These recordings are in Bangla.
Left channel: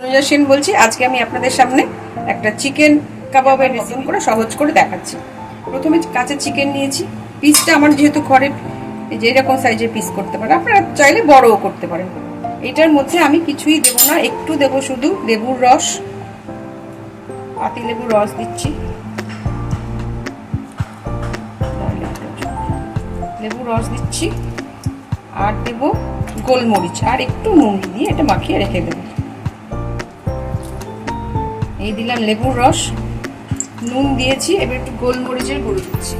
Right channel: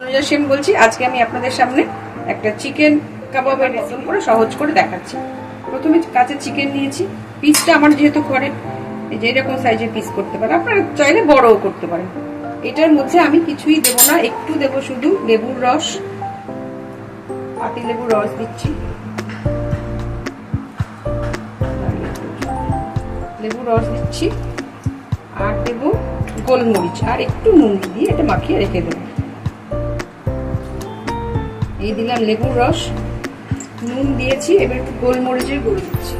তনুজা সেন বলছি। আজকে আমি আপনাদের সামনে একটা চিকেন কাবাবের রেসিপি করে সহজ করে দেখাচ্ছি। প্রথমে কাঁচা চিকেন নিয়েছি। পিসটা আমার যেহেতু ঘরে যেরকম সাইজের পিস করতে পারেন, আপনারা চাইলে বড়ও করতে পারেন। এটার মধ্যে আমি কিছুই দেবো না, একটু দেবো শুধু লেবুর রস, পাতি লেবুর রস দিচ্ছি, লেবুর রস দিচ্ছি, আর দেবো গোলমরিচ আর একটু নুন দিয়ে এটা মাখিয়ে রেখে দেবো। এই দিলাম লেবুর রস, নুন দিয়েছি, এবার একটু গোলমরিচের গুঁড়ো দিচ্ছি।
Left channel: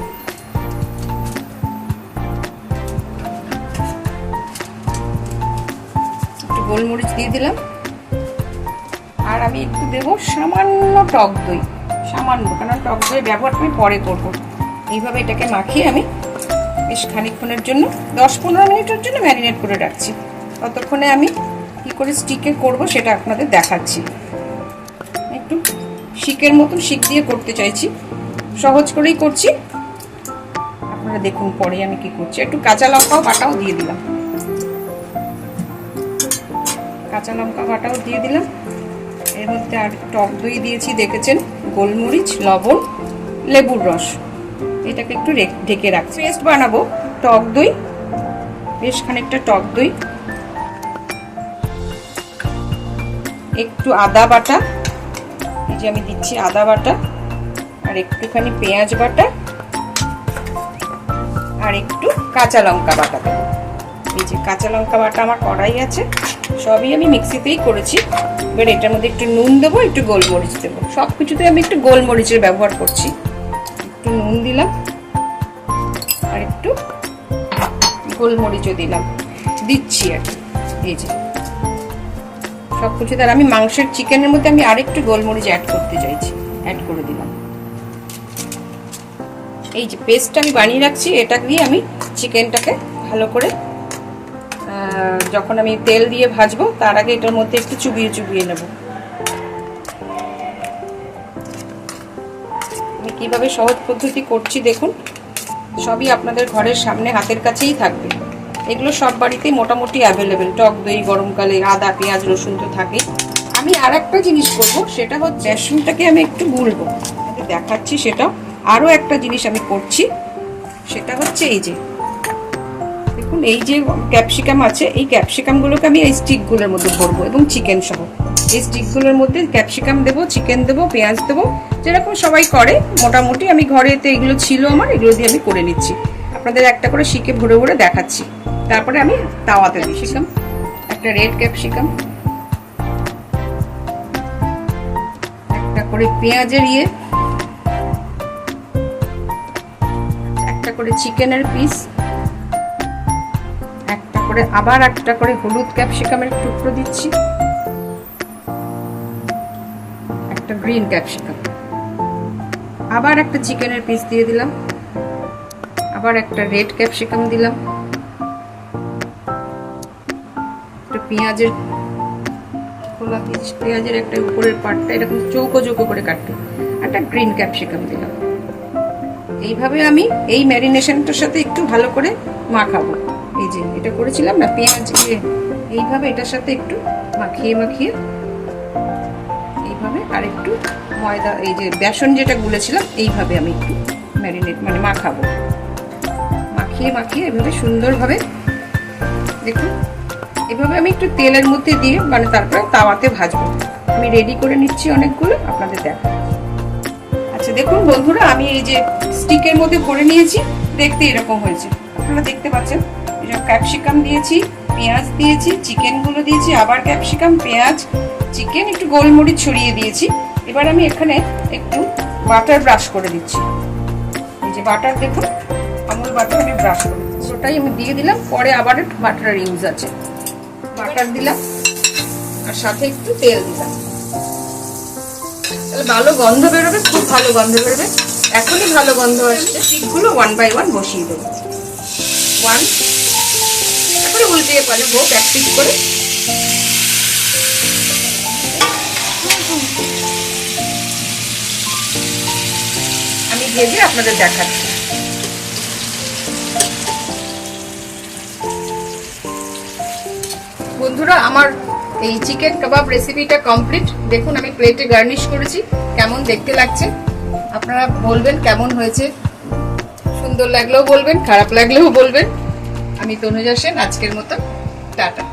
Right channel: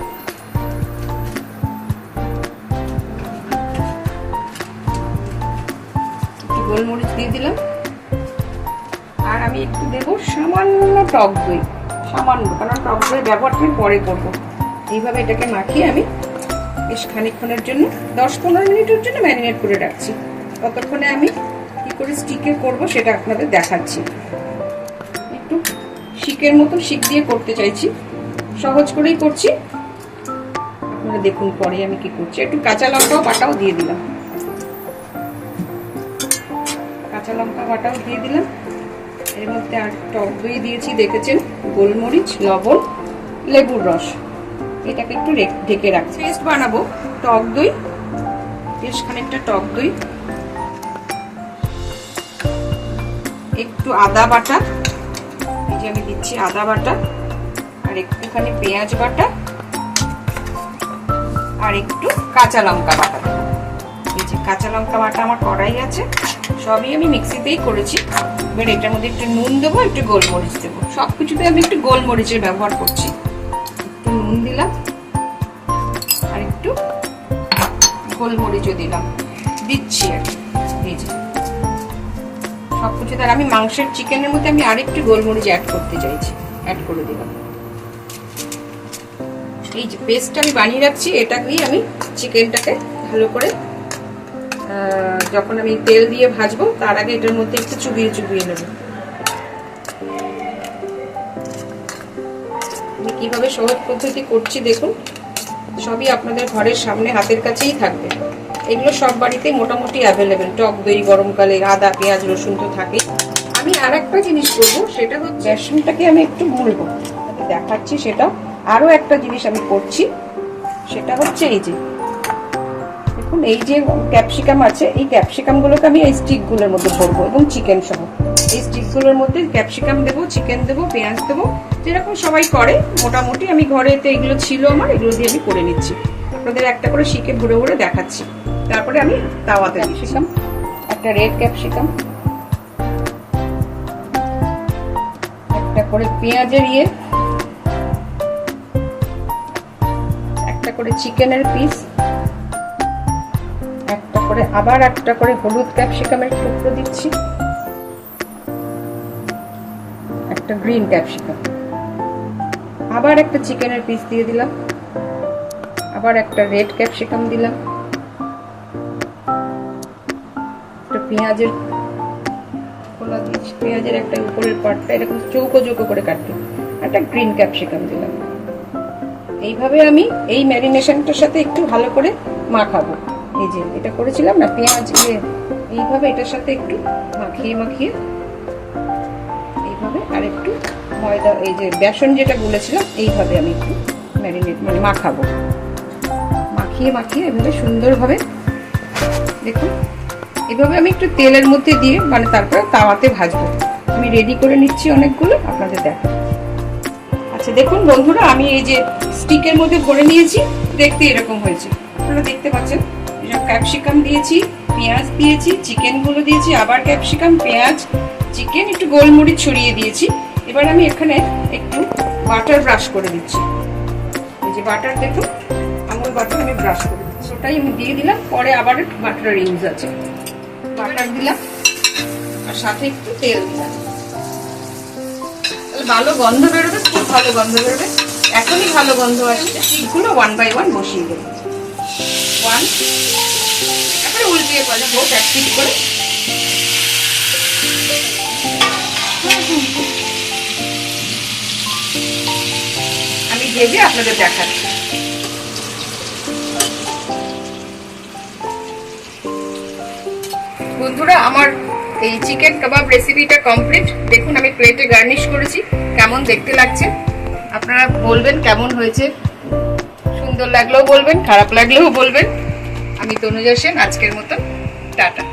একটু গোলমরিচ দিয়ে দিলাম, আর আমি একটু দেবো সামান্য টক দই, সামান্য, কারণ টক দই ব্যবহারটা আমি পরে করবো। এইভাবে এটাকে মাখিয়ে আমি বেশ খানিকক্ষণের জন্য 10-15 মিনিটের জন্য ম্যারিনেট করে রাখছি। ততক্ষণে আমি কি করে স্টিকে করব সেটা আপনাদের দেখাচ্ছি। একটু শিকের মতন শিক দিয়ে করতে চাইছি, সহজ করেই করছি, আপনারা দেখুন পরে আমি কি করছি। একটু কাঁচা লঙ্কাও বাটাও দিয়ে দিলাম, কাঁচা লঙ্কা বাটাও দিয়ে দিলাম। এর মধ্যে আর টক দই দিয়েছি, দেখেছেন, গোলমরিচ, লবণ, লেবুর রস। এটাকে একটু ঢেকে রাখছি। পেস্ট বানাবো টক দই, বেশ খানিকটা টক দই, একটু আদা বাটা, এই যে আমি দিচ্ছি আদা বাটা, আর একটুখানি পেঁয়াজ বাটা, আর একটু কাঁচা লঙ্কা বাটা দেবো। এই যে কাঁচা লঙ্কা বাটা আমার কড়াই আছে, সবই আমি মিক্সিতেই করেছি। এবার এটার মধ্যে একটু নুন দেবো, একটু গোলমরিচ দেবো, সব কিছুতে আমি একটু গোলমরিচের ব্যবহার করছি। একটু নুন দিলাম, আর একটু গোলমরিচও দিচ্ছি আর এই যে সব কিছু। তার আমি মাংসের চিকেনের মধ্যে আমি আরেকটু গোলমরিচ অ্যাড করতে চাইছি, অ্যাড করে দিলাম। এই যে পেস্টটা আমি বানিয়ে রাখছি, এটা দিয়ে আমি চিকেনটাকে ভালো করে, যখন আমি তেল দিয়ে ভাজবো তার আগে এটার মধ্যে একটু চুবিয়ে চুবিয়ে নেব। আমি কিভাবে সহজ পদ্ধতি করছি দেখুন, সবই আপনাদের ঘরের সামনে হাতের কাছেই থাকবে। এগুলো সব বাড়িতেই মোটামুটি অ্যাভেলেবেল। টক দই গরমকালে, আদা পেঁয়াজ রসুন তো থাকে। আমি আর একটা জিনিস করবো, সেটা হচ্ছে বেসনটাকে আমি একটু গুলবো, দেখাচ্ছি সেটা। আরও একটা জিনিস আমি করছি, সেটা হচ্ছে এই যে দেখুন, এই যে ক্যাপসিকাম আছে, এই ক্যাপসিকামগুলোকে আমি এই স্টিকগুলোর মধ্যে ভরবো, এবং চিকেন সহ। এই স্টিকগুলোর মধ্যে ক্যাপসিকাম দেবো, চিকেন দেবো, পেঁয়াজ দেবো, যেরকম সবাই করে মোটামুটি। আমি ঘরেতে এগুলো ছিল আমার, এগুলো দিয়ে আমি করে নিচ্ছি। আপনাদের একটা করে শিকে ভরে ভরে দেখাচ্ছি। তারপরে আমি তাওয়াতে দিয়েছিলাম একটা রেড ক্যাপসিকাম, একটা করে পেঁয়াজের একটা করে চিকেনের পিস, একটা করে আবার একটা করে হলুদ ক্যাপসিকামের টুকরো দিচ্ছি, একটা গ্রিন ক্যাপসিকাম, আবার একটা চিকেনের পিস দিয়ে দিলাম, আবার একটা রেড ক্যাপসিকাম দিলাম, একটা পেঁয়াজের খোলা দিচ্ছি, পেঁয়াজের একটা উপরের পাটটা এরকম চৌকো চৌকো করে কাটতে, একটা গ্রিন ক্যাপসিকাম দিলাম। এইভাবে আমি এই ম্যারিনেশনটার সাথে একটু ভালো করে মাখাবো। এই যে এটা করেছিলাম না পেঁয়াজ দিয়ে, এইভাবে এটার সাথে একটু মাখিয়ে মাখিয়ে এইভাবে, আর একটু ময়দা, এই যে বেসন যেটা গুলেছিলাম, এইভাবে আমি একটু মাখাবো। মাখিয়ে মাখিয়ে এভাবে সুন্দরভাবে দেখুন, এভাবে আমি একটু তেলের মধ্যে দিয়ে তারপরে তাওয়াতে ভাজবো। আমি রেডি করে নিচ্ছি অনেকগুলো, আপনাদের দেখো। আচ্ছা দেখুন বন্ধুরা, আমি এই যে স্টিকের মধ্যে ভরে নিয়েছি, দেখতে এরকম হয়েছে, আপনারা দেখতে পাচ্ছেন। ক্যাপসিকাম দিয়েছি, পেঁয়াজ দিয়েছি, চিকেনগুলো দিয়েছি, আবার ক্যাপসিকাম, পেঁয়াজ, চিকেন, একটু গোলমরিচ ছড়িয়ে দিয়েছি। এবার আমি এখানে একটু বাটার ব্রাশ করে দিচ্ছি। এই যে বাটার দেখুন, আমুল বাটার আমি ব্রাশ করে দিচ্ছি, ওটাই আমি দিয়ে দিলাম। পরে আবার বাটারের ইউজ আছে, বাটার দিলাম, আর সাথে একটু তেল দিলাম। তাহলে ভালো গন্ধ বেরোবে, খুব ভালো গন্ধ বেরোবে। এখনই ভালো গন্ধ আসছে। শিকগুলো 1 বাই 1 বসিয়ে দেবো। 1, তারপরে উল্টিয়ে পাল্টে হোক এক পিস করে। আমি ভেজে আপনাদের দেখাচ্ছি। বন্ধুরা, আমার এই চিকেন কাবাব রেসিপিটা কমপ্লিট। দেখুন আমি প্লেটে গার্নিশ করেছি, কেমন দেখতে লাগছে আপনারা বলবেন কেমন হয়েছে। সুন্দর লাগলেও বলবেন, খারাপ লাগলেও বলবেন। আমি তনুজা সেন, আজকের মতো টাটা।